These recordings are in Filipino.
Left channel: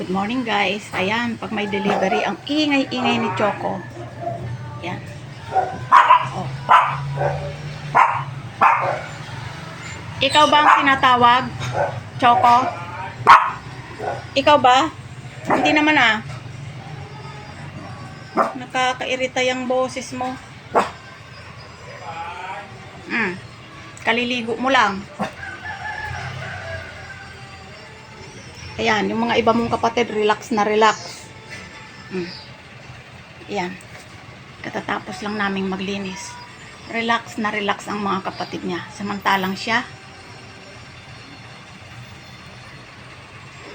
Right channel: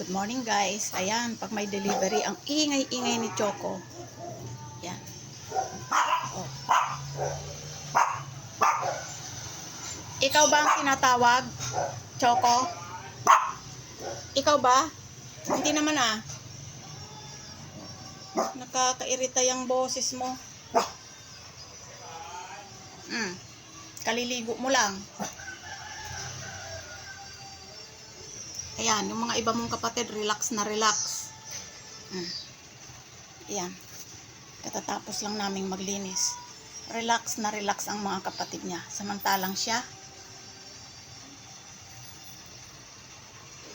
Good morning guys. Ayan, pag may delivery, ang ingay-ingay ni Choco. Ayan. Oh. Ikaw ba ang tinatawag? Choco? Ikaw ba? Hindi naman ah. Nakakairita yung boses mo. Hmm. Kaliligo mo lang. Ayan, yung mga iba mong kapatid, relax na relax. Mm. Ayan. Katatapos lang naming maglinis. Relax na relax ang mga kapatid niya. Samantalang siya,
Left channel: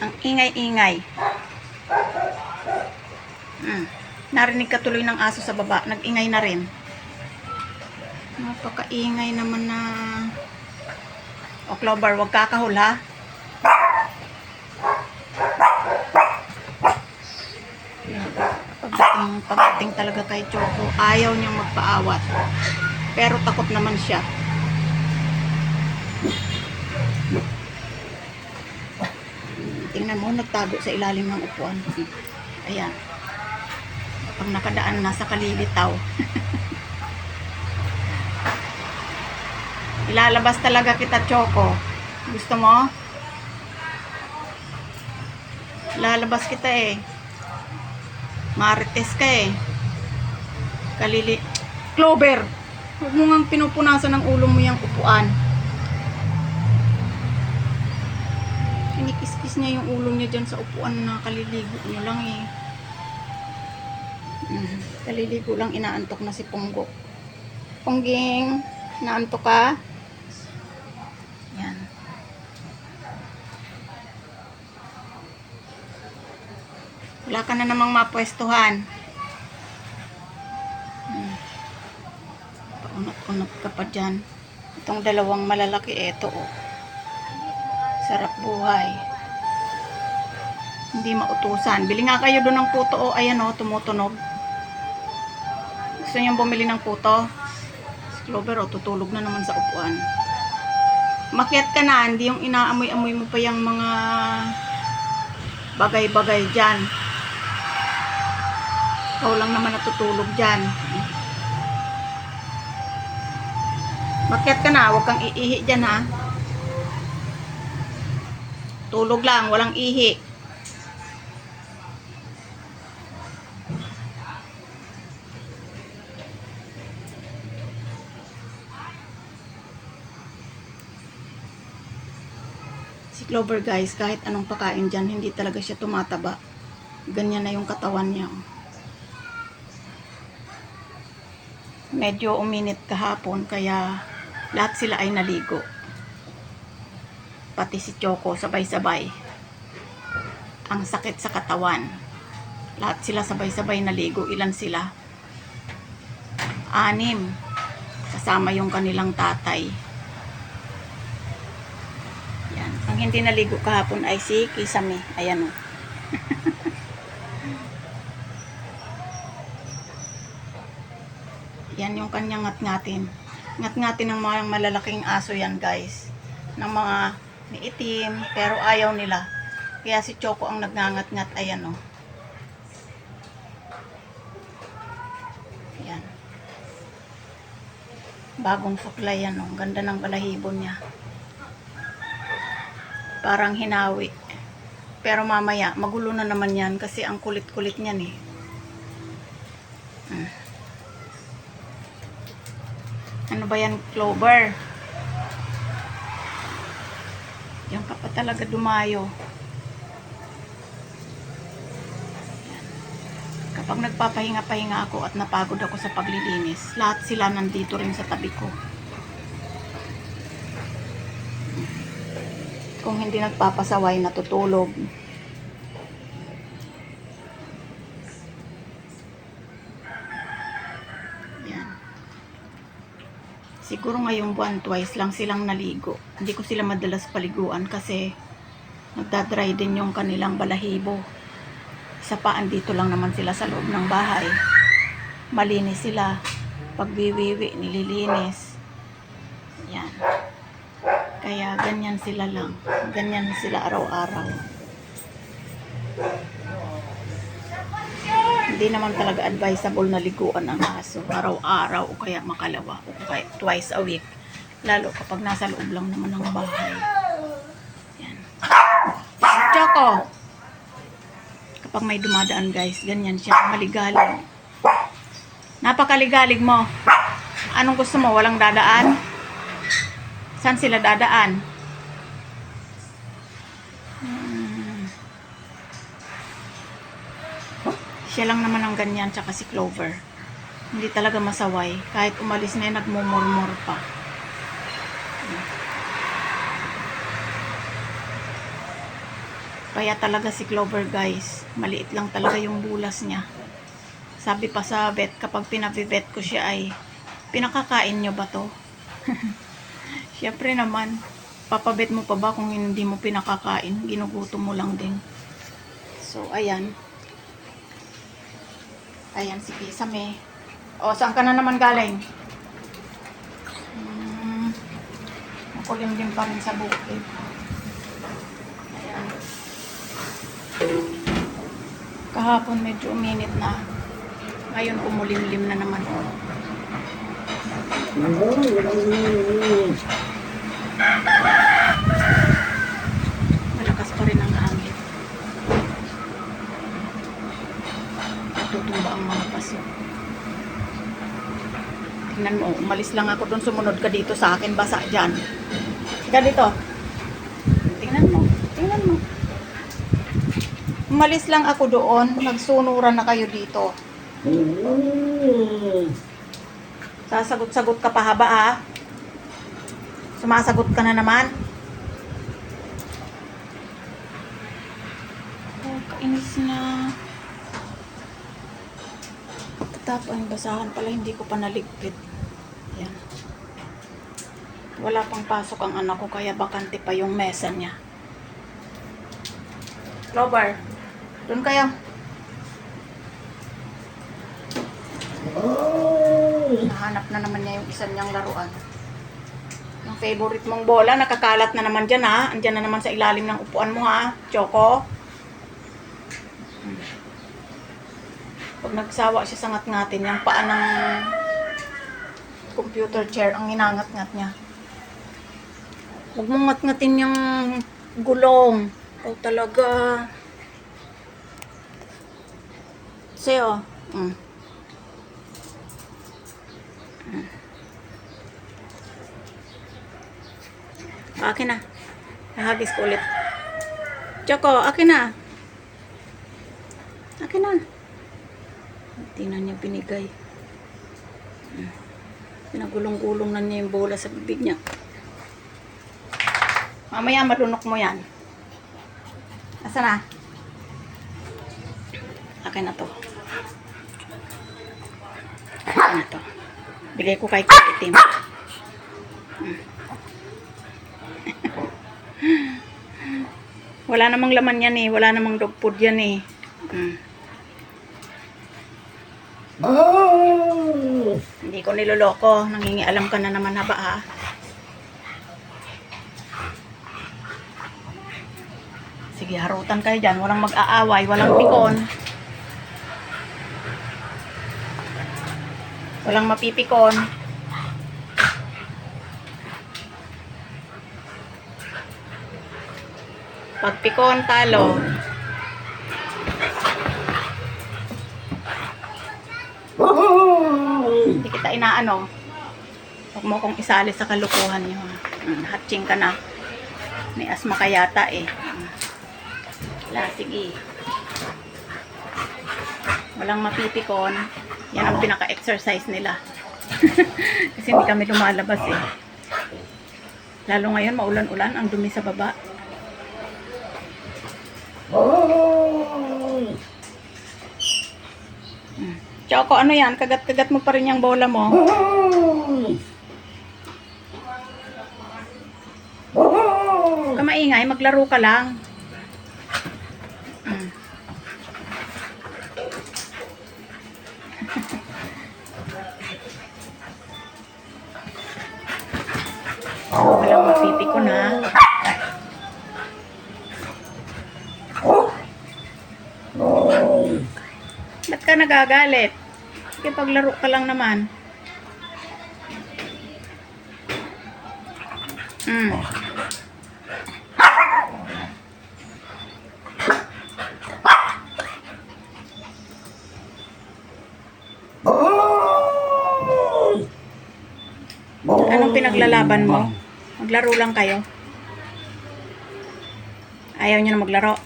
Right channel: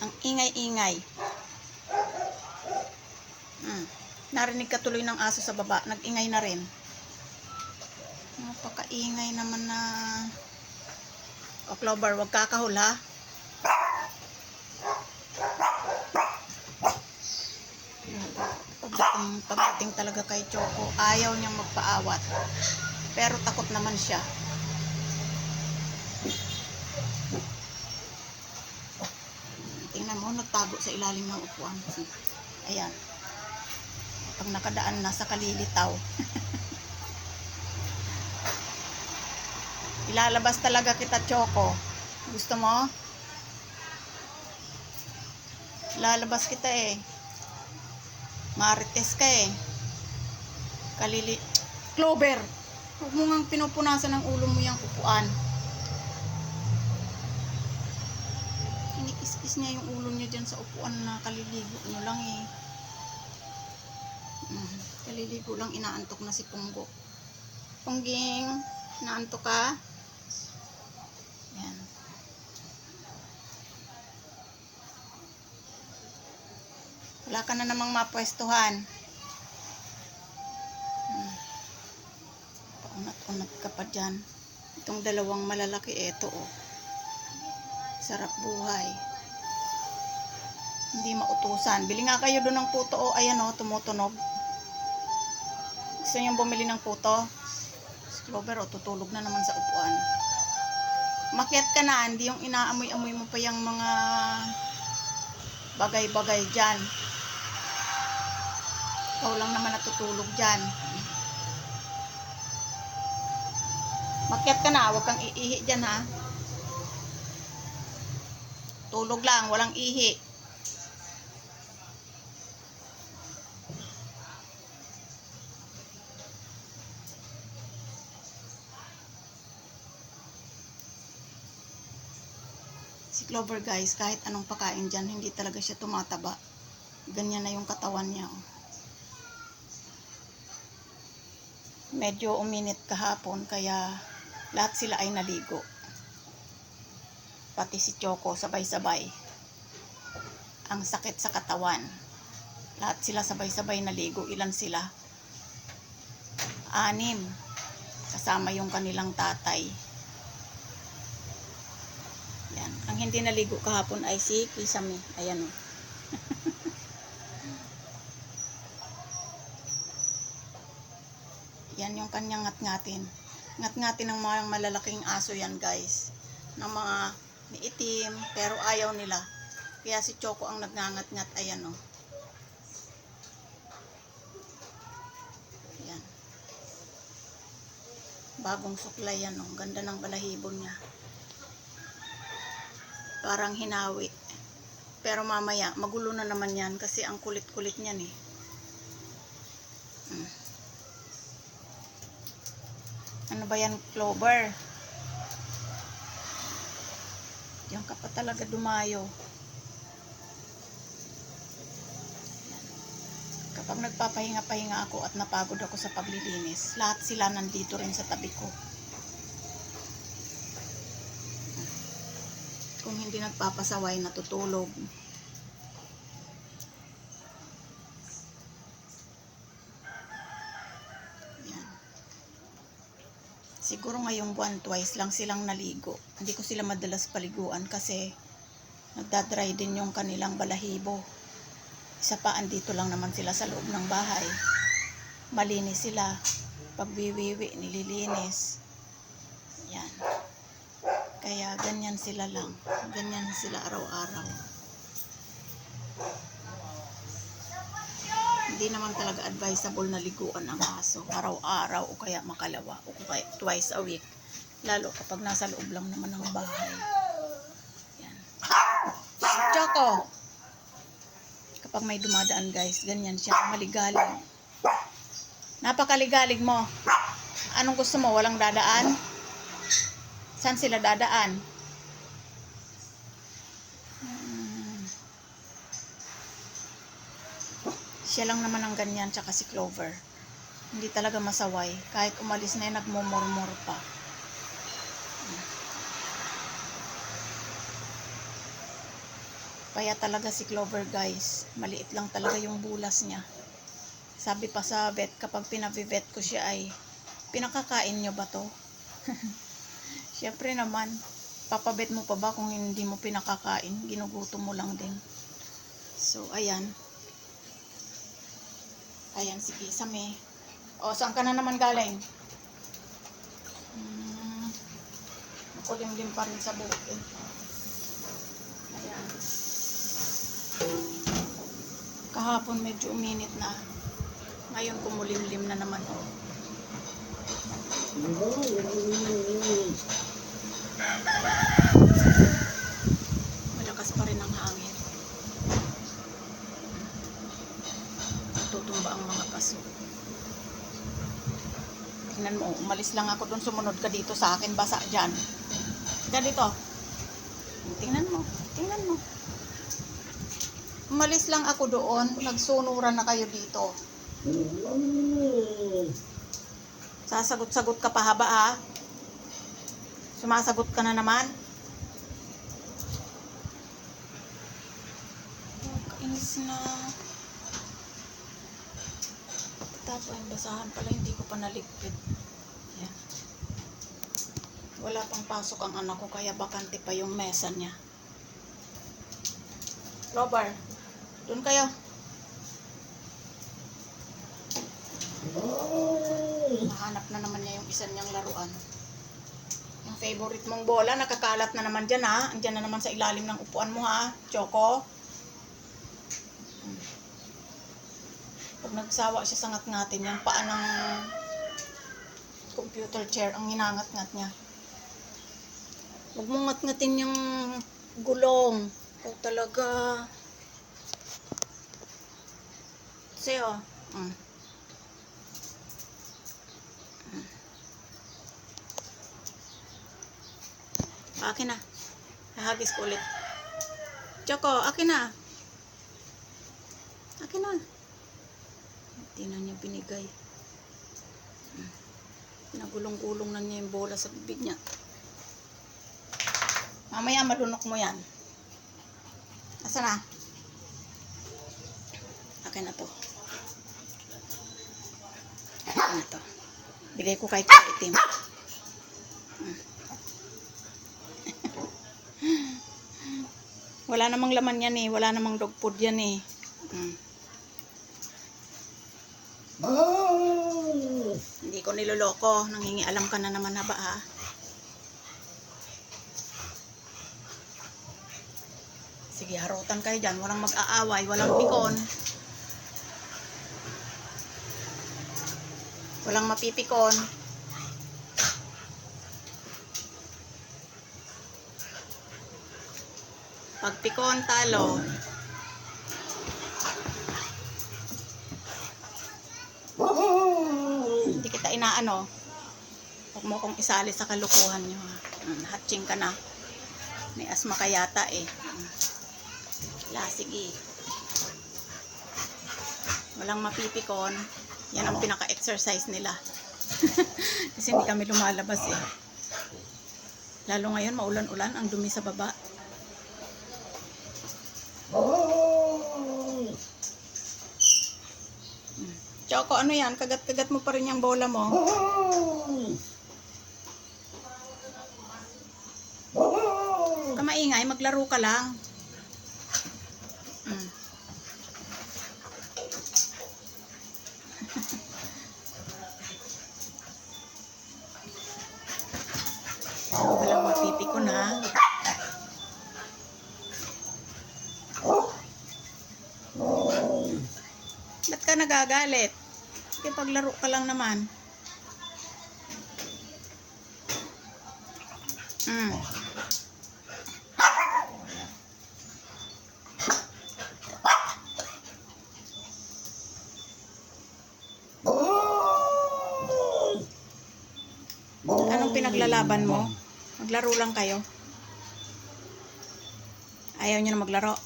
ang ingay-ingay. Mm. Narinig ka tuloy ng aso sa baba. Nag-ingay na rin. Napakaingay naman na... O, Clover, wag kakahul ha. Pagdating, pagdating talaga kay Choco, ayaw niyang magpaawat. Pero takot naman siya. Tingnan mo, nagtago sa ilalim ng upuan. Ayan. Pag nakadaan, nasa kalilitaw. Ilalabas talaga kita, Choco. Gusto mo? Lalabas kita eh. Marites ka eh. Kalili... Clover! Huwag mo nga pinupunasan ng ulo mo yung upuan. Kinikis-kis niya yung ulo niya dyan sa upuan na kaliligo niyo lang eh. Kaliligo lang inaantok na si Punggo. Pungging, inaantok ka? Yan. Wala ka na namang mapwestuhan. Hmm. Paunat-unat ka pa dyan. Itong dalawang malalaki, eto oh. Sarap buhay. Hindi mautusan. Bili nga kayo doon ng puto oh. Ayan oh, tumutunog. Gusto niyong bumili ng puto? Si Clover oh, tutulog na naman sa upuan. Makiat ka na, hindi yung inaamoy-amoy mo pa yung mga bagay-bagay dyan. Ikaw lang naman natutulog dyan. Makiat ka na, huwag kang iihi dyan ha. Tulog lang, walang ihi. Si Clover guys, kahit anong pakain dyan, hindi talaga siya tumataba. Ganyan na yung katawan niya. oh. Medyo uminit kahapon, kaya lahat sila ay naligo. Pati si Choco, sabay-sabay. Ang sakit sa katawan. Lahat sila sabay-sabay naligo. Ilan sila? Anim. Kasama yung kanilang tatay. Yan. Ang hindi naligo kahapon ay si Kisame. Ayan o. yan yung kanyang ngat-ngatin. Ngat-ngatin ng mga malalaking aso yan guys. Ng mga itim, pero ayaw nila. Kaya si Choco ang nagngangat-ngat. Ayan o. Yan. Bagong suklay yan o. Ganda ng balahibo niya parang hinawi. Pero mamaya, magulo na naman yan kasi ang kulit-kulit niyan eh. Hmm. Ano ba yan, Clover? Diyan ka pa talaga dumayo. Kapag nagpapahinga-pahinga ako at napagod ako sa paglilinis, lahat sila nandito rin sa tabi ko. kung hindi nagpapasaway natutulog. Siguro ngayong buwan twice lang silang naligo. Hindi ko sila madalas paliguan kasi nagdadry din yung kanilang balahibo. Isa pa, andito lang naman sila sa loob ng bahay. Malinis sila. Pagwiwiwi, nililinis. Yan. Kaya ganyan sila lang. Ganyan sila araw-araw. Hindi naman talaga advisable na liguan ang aso araw-araw o kaya makalawa o kaya twice a week. Lalo kapag nasa loob lang naman ng bahay. Yan. Choco! Kapag may dumadaan guys, ganyan siya. Maligalig. Napakaligalig mo. Anong gusto mo? Walang dadaan? Saan sila dadaan? Siya lang naman ang ganyan, tsaka si Clover. Hindi talaga masaway. Kahit umalis na yun, nagmumurmur pa. Kaya talaga si Clover guys, maliit lang talaga yung bulas niya. Sabi pa sa vet, kapag pinabivet ko siya ay, pinakakain nyo ba to? Siyempre naman, papabet mo pa ba kung hindi mo pinakakain? Ginugutom mo lang din. So, ayan. Ayan, si Kisame. O, saan ka na naman galing? Hmm, makulimlim pa rin sa bukid. Ayan. Kahapon medyo uminit na. Ngayon kumulimlim na naman. Malakas pa rin ang hangin. Natutumba ang mga paso. Tingnan mo, umalis lang ako doon, sumunod ka dito sa akin, basa dyan. Ganito. Tingnan mo, tingnan mo. Umalis lang ako doon, nagsunuran na kayo dito. Sasagot-sagot ka pa haba ha? Sumasagot ka na naman? Oh, kainis na. Tapos ang basahan pala, hindi ko pa naligpit. Yan. Wala pang pasok ang anak ko, kaya bakante pa yung mesa niya. Clover, doon kayo. Nahanap na naman niya yung isa niyang laruan. Ang favorite mong bola, nakakalat na naman dyan ha. Andyan na naman sa ilalim ng upuan mo ha, Choco. Pag nagsawa siya sa ngat-ngatin, yung paa ng computer chair ang inangat-ngat niya. Huwag mong ngat-ngatin yung gulong. Oh, talaga. Seo. Mm. O, akin na. Nahagis ko ulit. Choco, akin na. Akin na. Tingnan niya binigay. Pinagulong-gulong na niya yung bola sa bibig niya. Mamaya madunok mo yan. Asa na? Akin na to. Akin na to. Bigay ko kay Kaitim. Wala namang laman yan eh. Wala namang dog food yan eh. Hmm. Hindi ko niloloko. Nangingialam ka na naman haba ha. Sige, harutan kayo dyan. Walang mag-aaway. Walang pikon. Walang mapipikon. Pag pikon, talo. Inaano. Huwag mo kong isali sa kalukuhan niyo. ha. Mm, hatching ka na. May asma ka yata eh. Mm. Wala, sige. Walang mapipikon. Yan ang pinaka-exercise nila. Kasi hindi kami lumalabas eh. Lalo ngayon, maulan-ulan, ang dumi sa baba. Mm. Choco, ano yan? Kagat-kagat mo pa rin yung bola mo. Huwag ka maingay, maglaro ka lang. Nagagalit? Sige, paglaro ka lang naman. Mm. Anong pinaglalaban mo? Maglaro lang kayo. Ayaw niyo na maglaro.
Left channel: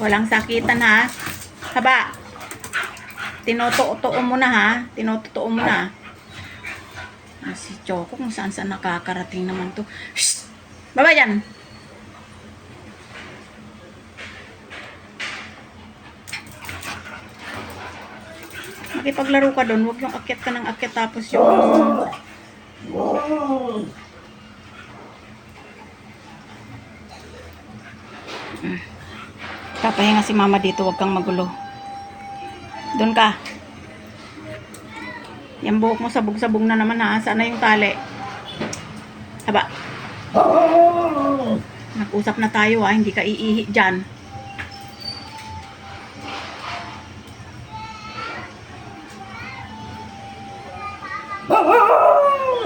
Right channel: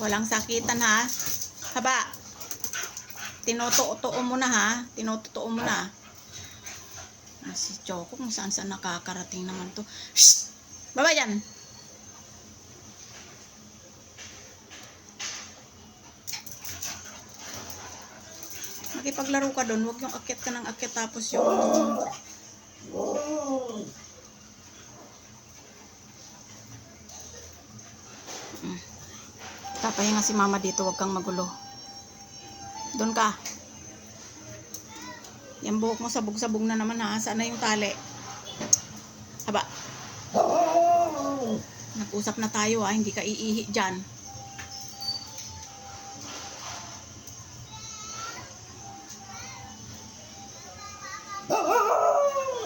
Walang sakitan ha. Haba. Tinutuo mo na ha. Tinutuo mo na. Ah, si Choco kung saan saan nakakarating naman to. Shh! Baba dyan! Makipaglaro ka doon. Huwag yung akyat ka ng akyat tapos yung... Papahinga si mama dito. Huwag kang magulo. Doon ka. Yan buhok mo sabog-sabog na naman ha. Saan na yung tali? Haba. Nag-usap na tayo ha. Hindi ka iihi dyan.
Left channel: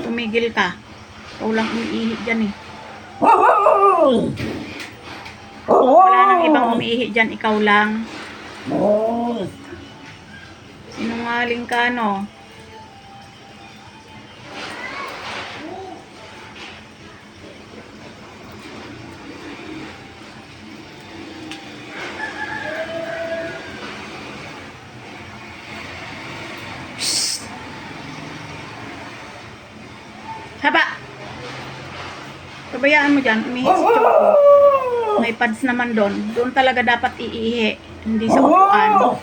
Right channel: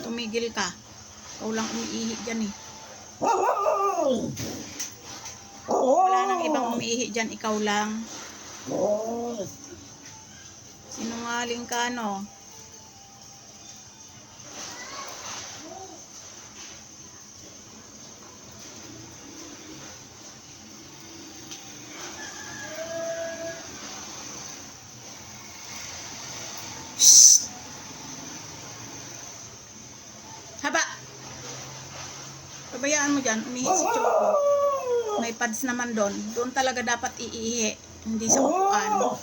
Tumigil ka. Ikaw lang umiihi dyan eh. Wala nang ibang umiihi dyan. Ikaw lang. Sinungaling ka no. Shh! Haba! Pabayaan mo dyan, umihi si Choco. May pads naman doon. Doon talaga dapat iihi. Hindi sa upuan.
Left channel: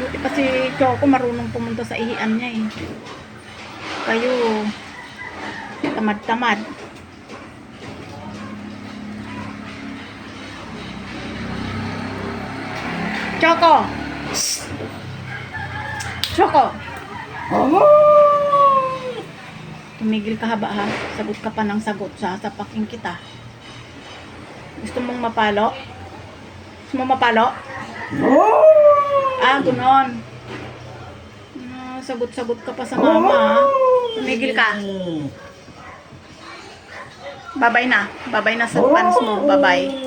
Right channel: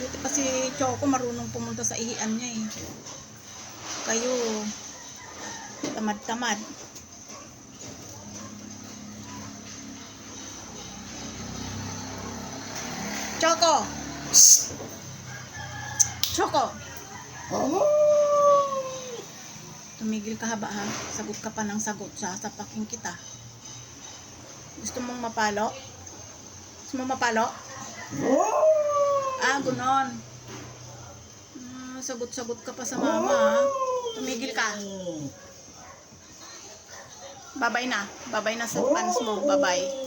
Buti pa si Choco marunong pumunta sa ihian niya eh. Kayo, tamad-tamad. Choco! Choco! Tumigil ka haba ha. Sagot ka pa ng sagot. Sasapakin kita. Gusto mong mapalo? Gusto mong mapalo? Ah, gunon. Ah, sagot-sagot ka pa sa mama ha. Tumigil ka. Babay na. Babay na sa pants mo. Babay.